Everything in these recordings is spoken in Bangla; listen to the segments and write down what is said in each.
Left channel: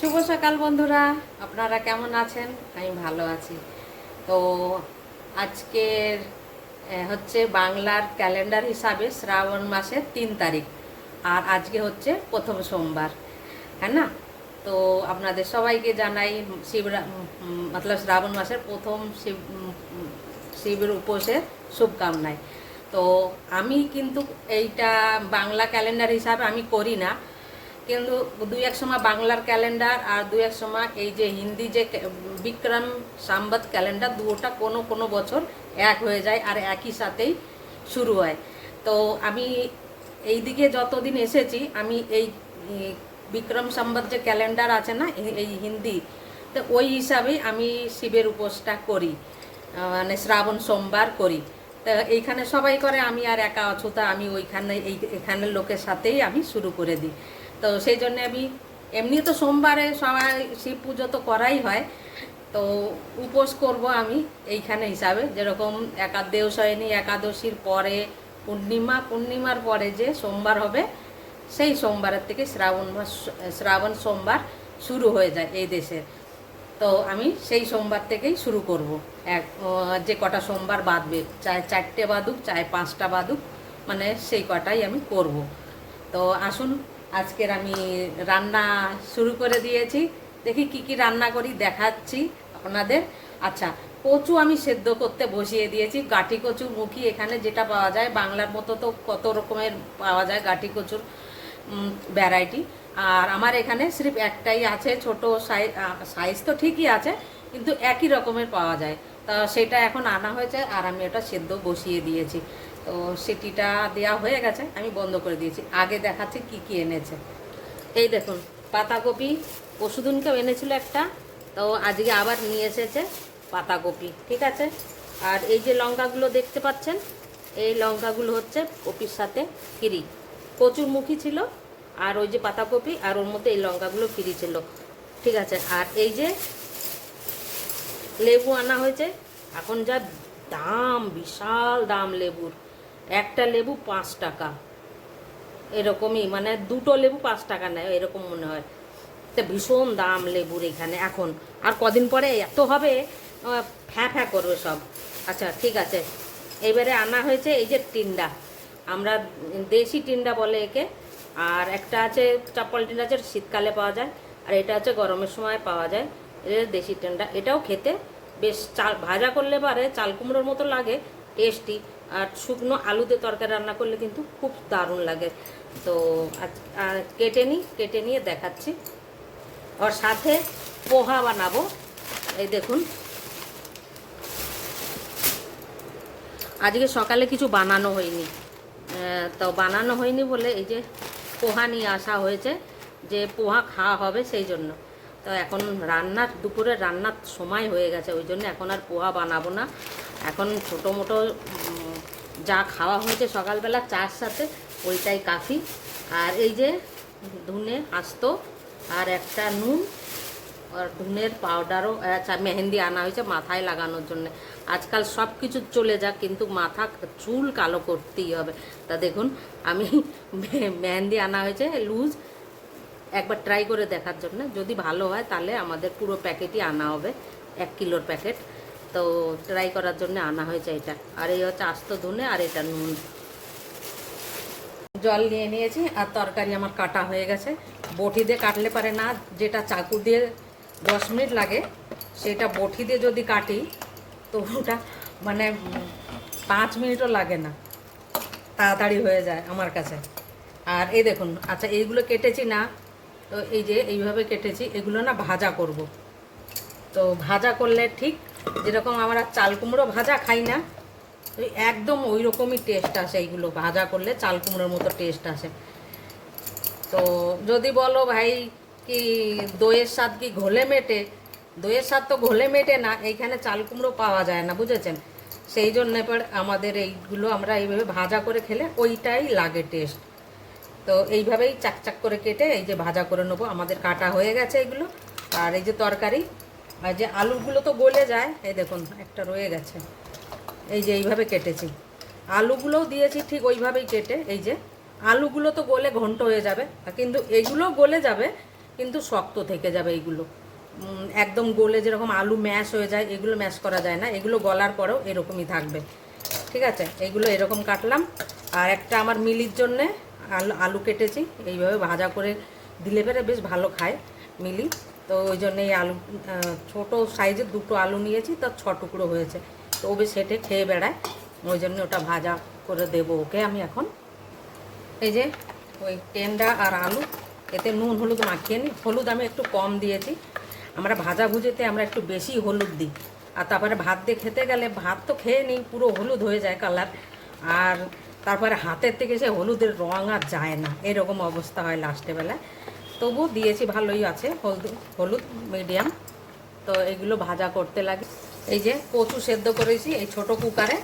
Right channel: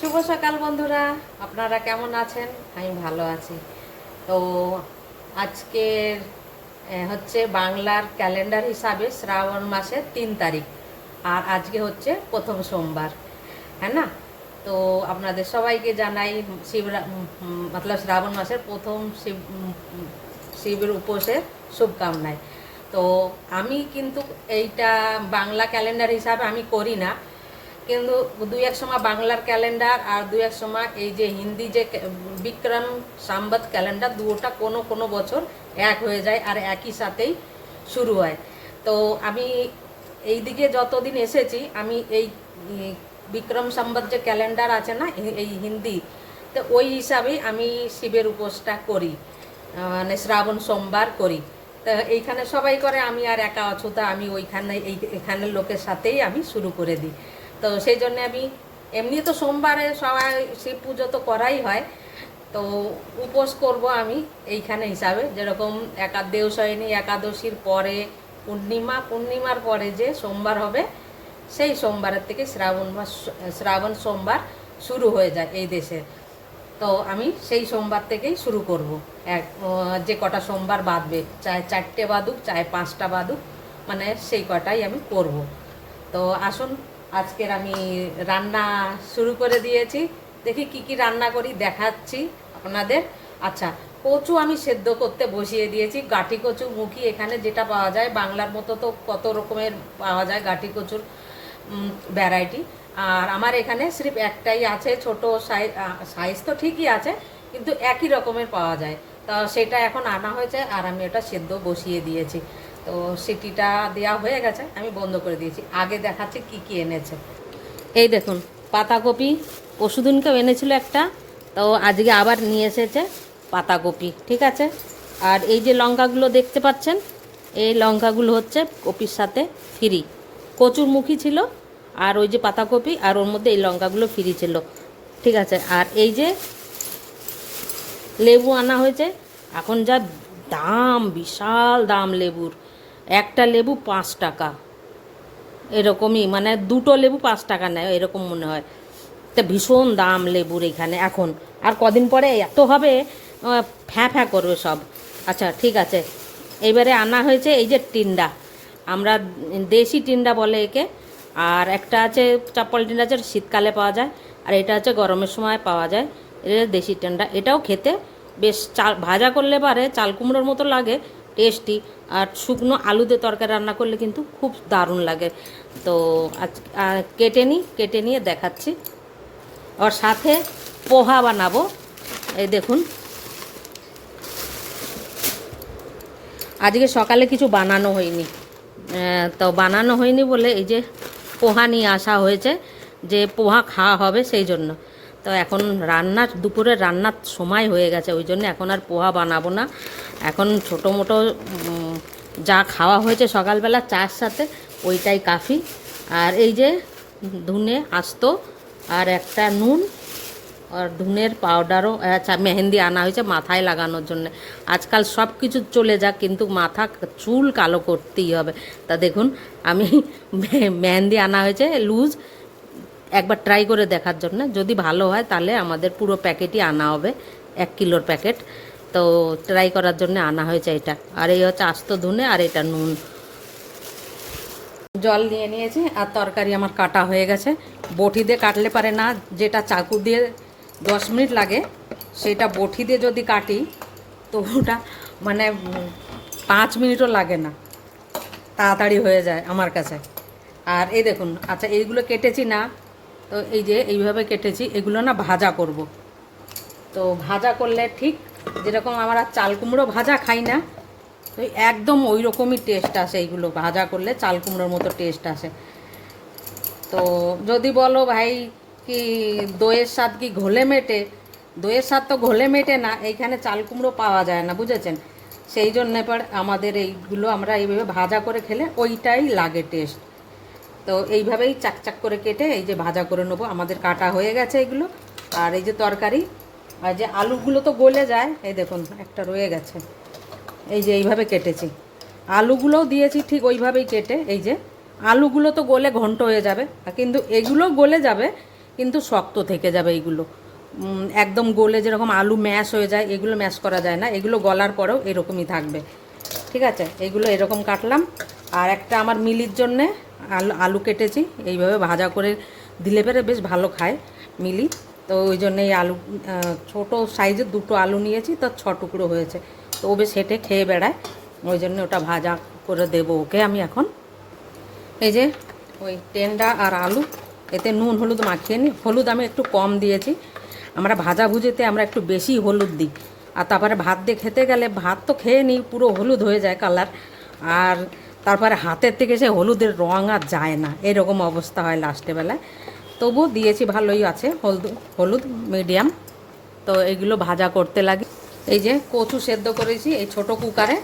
শুভ সকাল বন্ধুরা, আপনারা কেমন আছেন? আমি ভালো আছি। তো আজকের হচ্ছে বাংলার ক্যালেন্ডার হিসাবে শ্রাবণ মাসের 3 তারিখ, আর আজকে হচ্ছে প্রথম সোমবার, হ্যাঁ না? তো আপনাদের সবাইকে জানাই মতলব শ্রাবণ মাসের প্রথম শিবের উপোসের শুভকামনায়। তো আমি কিন্তু এইটা বাংলা ক্যালেন্ডার হিসাবে আমি করি না, কিন্তু দুই এক সময় বাংলার ক্যালেন্ডার আর দুই এক সময় এই যে হিন্দি যে বিক্রম সম্বত ক্যালেন্ডার, দুটোটা কোনো কোনো বছর এক হয়ে যায় আর একই সাথেই শুরু হয়। তো আমি এই দিকে যতদিন এসেছি আমি এই বিক্রম সম্বত যে ক্যালেন্ডার আছে না, এই হিন্দি, তো ওই হিসাবেই আমি শিবের উপোসটা করি, মানে শ্রাবণ সোমবার করি। তো এইখানে সবাই করে, আমি আর একা অছুতা আমি ওইখানে এখানের লোকের সাথেই আমি শুরু করে দিই। তো সেই জন্যে আমি এমনি তো সোমবারে সবাই শিব পুজো তো করাই হয়, তো উপোস করব আমি এইখানে হিসাবে। যেরকম দেবশয়নী একাদশীর পরে পূর্ণিমার পরে যে সোমবার হবে, সেই সোমবারের থেকে শ্রাবণ সোমবার শুরু হয়ে যায় এই দেশে। তো আমি সেই সোমবার থেকেই শুরু করব। যে কটা সোমবার বাঁধবে, চাहे 4টে বাঁধুক চাहे 5টা বাঁধুক, মানে সেই কটাই আমি করব। তো আসুন, আজকের আমি রান্না শুরু করে দিয়েছি। দেখি কি কি রান্না করি দেখাচ্ছি আপনাদের। আচ্ছা, কচু আমি সেদ্ধ করতে বসিয়ে দিয়েছি। গাঠি কচু মুখী এখানে যেটা পাওয়া যায়, বাংলার মতো তো কত রকমের পাওয়া যায় গাঠি কচুর ভ্যারাইটি। আর আমার এখানে সির্ফ একটাই আছে, ছোট সাইজ তো ঠিকই আছে, কিন্তু একই রকমের পাওয়া যায়। তো সেটা এখন আনা হয়েছে আর আমি ওটা সেদ্ধ বসিয়ে দিয়েছি। তো সিটিটা দেওয়া হয়ে গেছে, আমি বন্ধ করে দিয়েছি। আগে দেখাচ্ছি কি কি এনেছে। এই দেখুন, পাতাকপি পরশুদিনকেও এনেছিল একটা, তো আজকে আবার নিয়ে এসেছে পাতাকপি, ঠিক আছে। আর এই যে লঙ্কাগুলো দেখতে পাচ্ছেন, এই লঙ্কাগুলো হচ্ছে কপির সাথে ফ্রি। কচুরমুখী ছিল আর ওই যে পাতাকপি, আর ওর মধ্যে এই লঙ্কাগুলো ফ্রি ছিল, ঠিক আছে। আর এই যে লেবু আনা হয়েছে। এখন যা দাম, বিশাল দাম লেবুর। একটা লেবু 5 টাকা, এরকমই, মানে দুটো লেবু 5 টাকা নেয় এরকম মনে হয়। তা ভীষণ দাম লেবুর এখানে এখন। আর কদিন পরে এত হবে, ফ্যাঁ ফ্যাঁ করবে সব। আচ্ছা ঠিক আছে, এবারে আনা হয়েছে এই যে টিন্ডা, আমরা দেশি টিন্ডা বলে একে। আর একটা আছে চাপ্পল টিন্ডা, আছে শীতকালে পাওয়া যায়, আর এটা হচ্ছে গরমের সময় পাওয়া যায়। এটা দেশি টিন্ডা, এটাও খেতে বেশ, ভাজা করলে পারে চাল কুমড়োর মতো লাগে, টেস্টি। আর শুকনো আলুতে তরকারি রান্না করলে কিন্তু খুব দারুণ লাগে। তো আজ কেটে নিয়ে দেখাচ্ছি। ওর সাথে পোহা বানাবো। এই দেখুন, আজকে সকালে কিছু বানানো হয়নি, তো বানানো হয়নি বলে এই যে পোহা নিয়ে আসা হয়েছে, যে পোহা খাওয়া হবে সেই জন্য। তো এখন দুপুরের রান্নার সময় হয়ে গেছে, ওই জন্য এখন আর পোহা বানাবো না। এখন ছোটো মোটো যা খাওয়া হয়েছে সকালবেলা চার সাথে, ওইটাই কাফি। আর এই যে ধনে আস্ত, আর একটা নুন, আর ধনের পাউডারও, আচ্ছা মেহেন্দি আনা হয়েছে মাথায় লাগানোর জন্য। আজকাল সব কিছু চলে যাক, কিন্তু চুল কালো করতেই হবে। তা দেখুন, আমি মেহেন্দি আনা হয়েছে লুজ, একবার ট্রাই করে দেখার জন্য। যদি ভালো হয় তাহলে আমাদের পুরো প্যাকেটই আনা হবে, 1 কিলোর প্যাকেট। তো ট্রাই করার জন্য আনা হয়েছে এটা। আর এই হচ্ছে আস্ত ধনে, আর এটা নুন। জল নিয়ে নিয়েছি, আর তরকারি আমার কাটা হয়ে গেছে। বটি দিয়ে কাটলে পারে না, যেটা চাকু দিয়ে 10 মিনিট লাগে, সেটা বটি দিয়ে যদি কাটি তো ওটা মানে 5 মিনিটও লাগে না, তাড়াতাড়ি হয়ে যায় আমার কাছে। আর এই দেখুন, আচ্ছা এইগুলো কেটেছি না, তো এই যে এইভাবে কেটেছি, এগুলো না ভাজা করব। তো ভাজা করলে ঠিক যেরকম আমরা চাল কুমড়ো ভাজা খাই না, তো একদম ওই রকমই টেস্ট আসে। এইগুলো ভাজা করলে চাল কুমড়োর মতো টেস্ট আসে। তো যদি বলো ভাই কি দইয়ের স্বাদ কি ঘোলে মেটে, দইয়ের স্বাদ তো ঘোলে মেটে না, এইখানে চাল কুমড়ো পাওয়া যায় না, বুঝেছেন। সেই জন্য এবার আমাদের এইগুলো আমরা এইভাবে ভাজা করে খেলে ওইটাই লাগে টেস্ট। তো এইভাবেই চাকচাক করে কেটে এই যে ভাজা করে নেবো। আমাদের কাটা হয়ে গেছে এগুলো। আর এই যে তরকারি, আর যে আলুগুলো তো গলে যায়, এই দেখুন একটা রয়ে গেছে, এই যে এইভাবে কেটেছি। আলুগুলোও দিয়েছি ঠিক ওইভাবেই কেটে। এই যে আলুগুলো তো গলে ঘন্ট হয়ে যাবে, কিন্তু এগুলো গলে যাবে, কিন্তু শক্ত থেকে যাবে এইগুলো। একদম গলে যেরকম আলু ম্যাশ হয়ে যায়, এগুলো ম্যাশ করা যায় না, এগুলো গলার পরেও এরকমই থাকবে। ঠিক আছে, এইগুলো এরকম কাটলাম। আর একটা আমার মিলির জন্যে আলু কেটেছি, এইভাবে ভাজা করে দিলে পরে বেশ ভালো খায় মিলি। তো ওই জন্যে এই আলু ছোটো সাইজের 2টো আলু নিয়েছি, তো 6 টুকরো হয়েছে। তো ও বেশ হেঁটে খেয়ে বেড়ায়, ওই জন্য ওটা ভাজা করে দেবো ওকে আমি এখন। এই যে ওই টেন্ডা আর আলু, এতে নুন হলুদ মাখিয়ে নিই। হলুদ আমি একটু কম দিয়েছি, আমরা ভাজা ভুজিতে আমরা একটু বেশি হলুদ দিই। আর তারপরে ভাত দিয়ে খেতে গেলে ভাত তো খেয়ে নিই, পুরো হলুদ হয়ে যায় কালার, আর তারপরে হাতের থেকে সে হলুদের রঙ আর যায় না, এরকম অবস্থা হয় লাস্টে বেলায়। তবু দিয়েছি, ভালোই আছে হলুদ, হলুদ মিডিয়াম। তো এগুলো ভাজা করতে লাগে। এই যে কচু সেদ্ধ করেছি এই ছোট কুকারে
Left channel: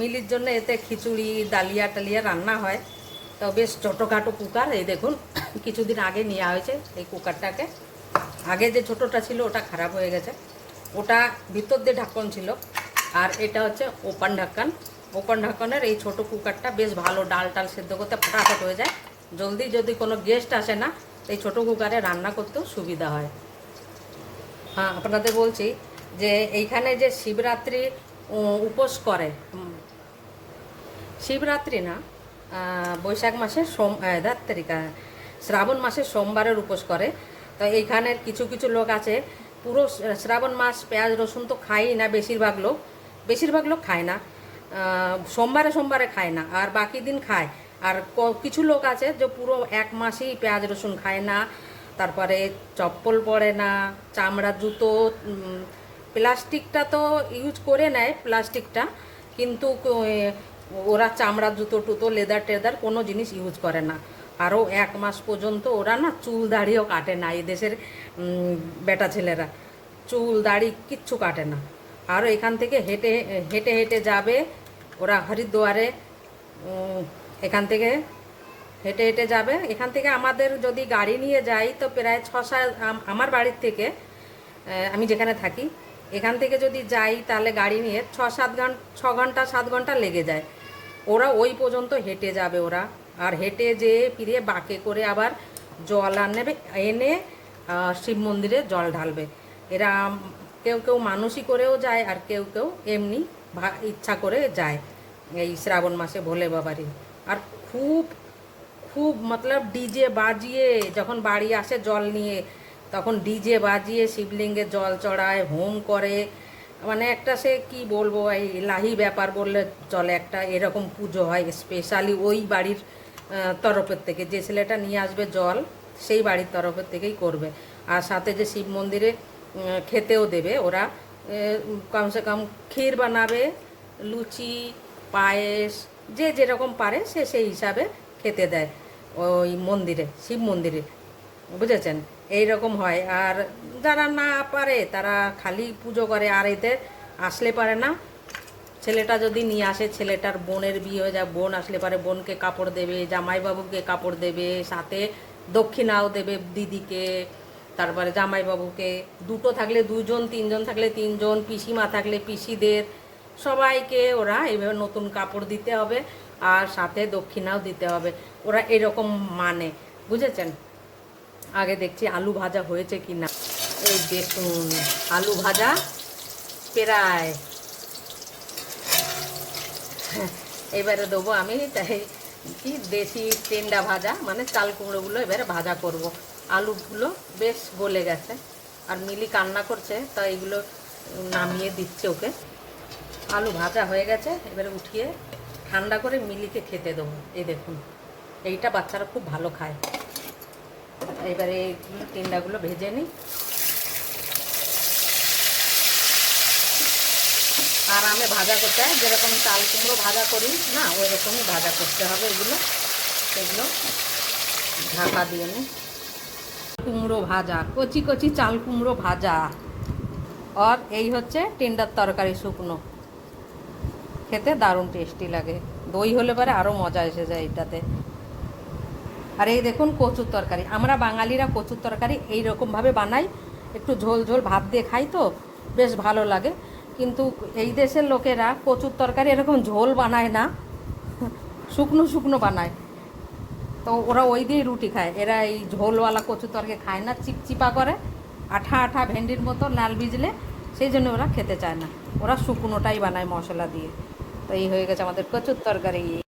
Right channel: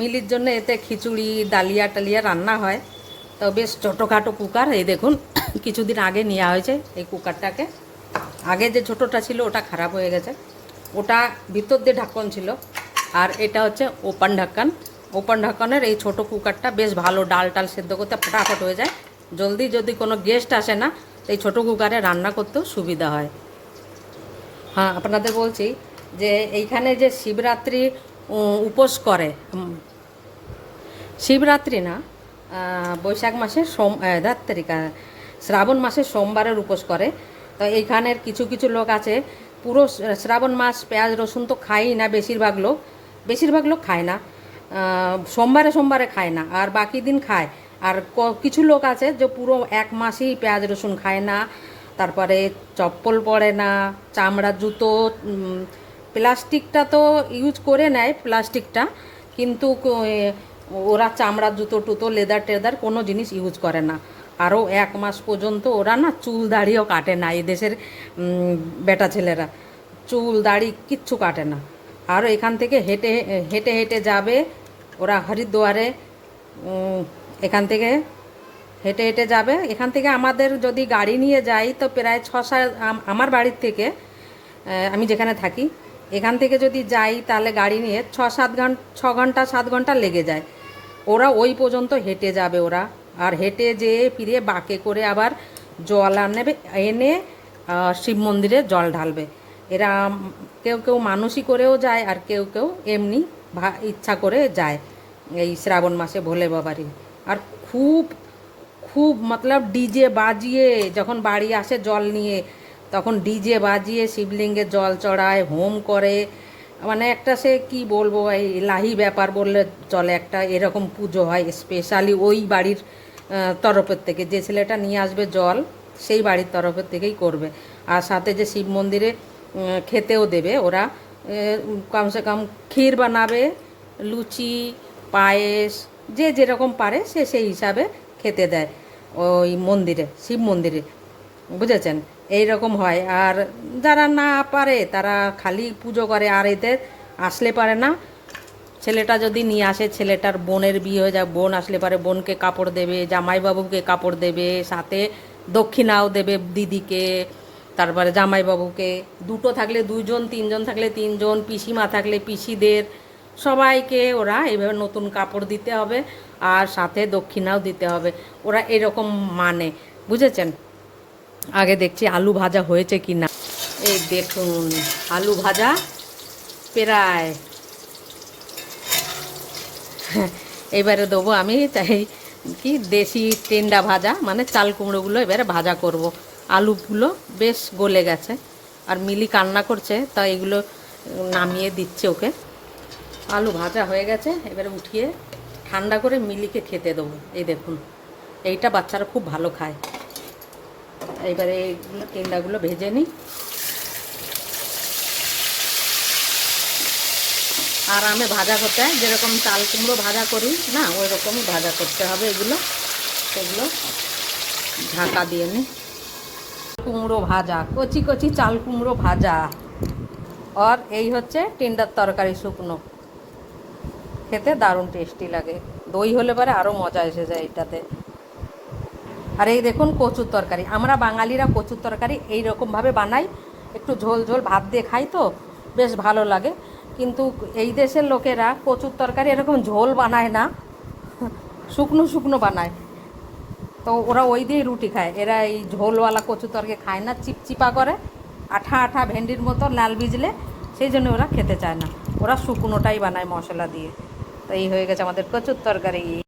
মিলির জন্য এতে খিচুড়ি ডালিয়া টালিয়া রান্না হয়। তো বেশ ছোটোখাটো কুকার, এই দেখুন কিছুদিন আগে নেওয়া হয়েছে এই কুকারটাকে। আগে যে ছোটোটা ছিল ওটা খারাপ হয়ে গেছে, ওটা ভিতর দিয়ে ঢাকন ছিল, আর এটা হচ্ছে ওপেন ঢাকন। ওপেন ঢাকনের এই ছোট কুকারটা বেশ ভালো, ডাল টাল সেদ্ধ করতে ফটাফট হয়ে যায় জলদি। যদি কোনো গেস্ট আসে না, এই ছোটো কুকারে রান্না করতেও সুবিধা হয়। হ্যাঁ, আপনাদের বলছি যে এইখানে যে শিবরাত্রি উপোস করে, শিবরাত্রি না, বৈশাখ মাসের শ্রাবণ মাসের সোমবারের উপোস করে। তো এইখানের কিছু কিছু লোক আছে পুরো শ্রাবণ মাস পেঁয়াজ রসুন তো খায়ই না, বেশিরভাগ লোক খায় না, সোমবারে সোমবারে খায় না, আর বাকি দিন খায়। আর কিছু লোক আছে যে পুরো 1 মাসই পেঁয়াজ রসুন খায় না, তারপরে চপ্পল পরে না, চামড়ার জুতো, প্লাস্টিকটা তো ইউজ করে নেয় প্লাস্টিকটা, কিন্তু ওরা চামড়ার জুতো টুতো লেদার টেদার কোনো জিনিস ইউজ করে না। আরও 1 মাস পর্যন্ত ওরা না চুল দাড়িও কাটে না, এই দেশের বেটা ছেলেরা চুল দাড়ি কিচ্ছু কাটে না। আরও এখান থেকে হেঁটে হেঁটে হেঁটে যাবে ওরা হরিদ্বারে, এখান থেকে হেঁটে হেঁটে যাবে। এখান থেকে আমাদের যদি গাড়ি নিয়ে যাই তো প্রায় 6-7, আমার বাড়ির থেকে, আমি যেখানে থাকি এখান থেকে যদি যাই তাহলে গাড়ি নিয়ে 6 ঘন্টা 7 ঘন্টা লেগে যায়। ওরা ওই পর্যন্ত হেঁটে যাবে ওরা, আর হেঁটে যেয়ে ফিরে বাঁকে করে আবার জল আনবে, এনে শিব মন্দিরে জল ঢালবে। এরা কেউ কেউ মানসী করেও যায়, আর কেউ কেউ এমনি ইচ্ছা করে যায় এই শ্রাবণ মাসে ভোলে বাবারই। আর খুব খুব মতলব ডিজে বাজিয়ে যখন বাড়ি আসে জল নিয়ে, তখন ডিজে বাজিয়ে শিবলিঙ্গে জল চড়ায়, হোম করে, মানে একটা সে কি বলবো, এই লাহি ব্যাপার বললে চলে, একটা এরকম পুজো হয় স্পেশালি ওই বাড়ির তরফের থেকে। যে ছেলেটা নিয়ে আসবে জল সেই বাড়ির তরফের থেকেই করবে। আর সাথে যে শিব মন্দিরে খেতেও দেবে ওরা, কমসে কম ক্ষীর বানাবে, লুচি, পায়েস, যে যেরকম পারে সে সেই হিসাবে খেতে দেয় ওই মন্দিরে, শিব মন্দিরে, বুঝেছেন? এই রকম হয়। আর যারা না পারে তারা খালি পুজো করে, আর এতে আসলে পারে না, ছেলেটা যদি নিয়ে আসে, ছেলেটার বোনের বিয়ে হয়ে যায়, বোন আসলে পারে বোনকে কাপড় দেবে, জামাইবাবুকে কাপড় দেবে, সাথে দক্ষিণাও দেবে দিদিকে, তারপরে জামাইবাবুকে, 2টো থাকলে 2জন, 3জন থাকলে 3জন, পিসিমা থাকলে পিসিদের, সবাইকে ওরা এইভাবে নতুন কাপড় দিতে হবে, আর সাথে দক্ষিণাও দিতে হবে। ওরা এরকম মানে, বুঝেছেন? আগে দেখছি আলু ভাজা হয়েছে কি না। এই দেখুন আলু ভাজা প্রায় এবারে দেবো আমি, তাই কি দেশি টেন্ডা ভাজা, মানে চাল কুমড়োগুলো এবারে ভাজা করব। আলুগুলো বেশ গলে গেছে, আর মিলি কান্না করছে, তাই এগুলো নামিয়ে দিচ্ছে ওকে। আলু ভাজা হয়ে গেছে, এবারে উঠিয়ে ঠান্ডা করে মিলিকে খেতে দেবো। এই দেখুন, এইটা বাচ্চারা খুব ভালো খায়। এবারে এইগুলো টেন্ডাগুলো ভেজে নিই। আর আমি ভাজা করতে হয় যেরকম চাল কুমড়ো ভাজা করি না, ওই রকমই ভাজা করতে হবে এগুলো। এগুলো ঢাকা দিয়ে নিই। কুমড়ো ভাজা, কচি কচি চাল কুমড়ো ভাজা, আর এই হচ্ছে টেন্ডার তরকারি শুকনো, খেতে দারুণ টেস্টি লাগে। দই হলে পরে আরও মজা এসে যায় এটাতে। আর এই দেখুন কচুর তরকারি, আমরা বাঙালিরা কচুর তরকারি এইরকমভাবে বানাই, একটু ঝোল ঝোল ভাত দিয়ে খাই তো বেশ ভালো লাগে। কিন্তু এই দেশের লোকেরা কচুর তরকারি এরকম ঝোল বানায় না, শুকনো শুকনো বানায়। তো ওরা ওই দিয়েই রুটি খায়, এরা এই ঝোলওয়ালা কচু তরকারি খায় না, চিপচিপা করে, আঠা আঠা ভেন্ডির মতো লাল ভিজলে, সেই জন্য ওরা খেতে চায় না, ওরা শুকনোটাই বানায় মশলা দিয়ে। তো এই হয়ে গেছে আমাদের কচুর তরকারি।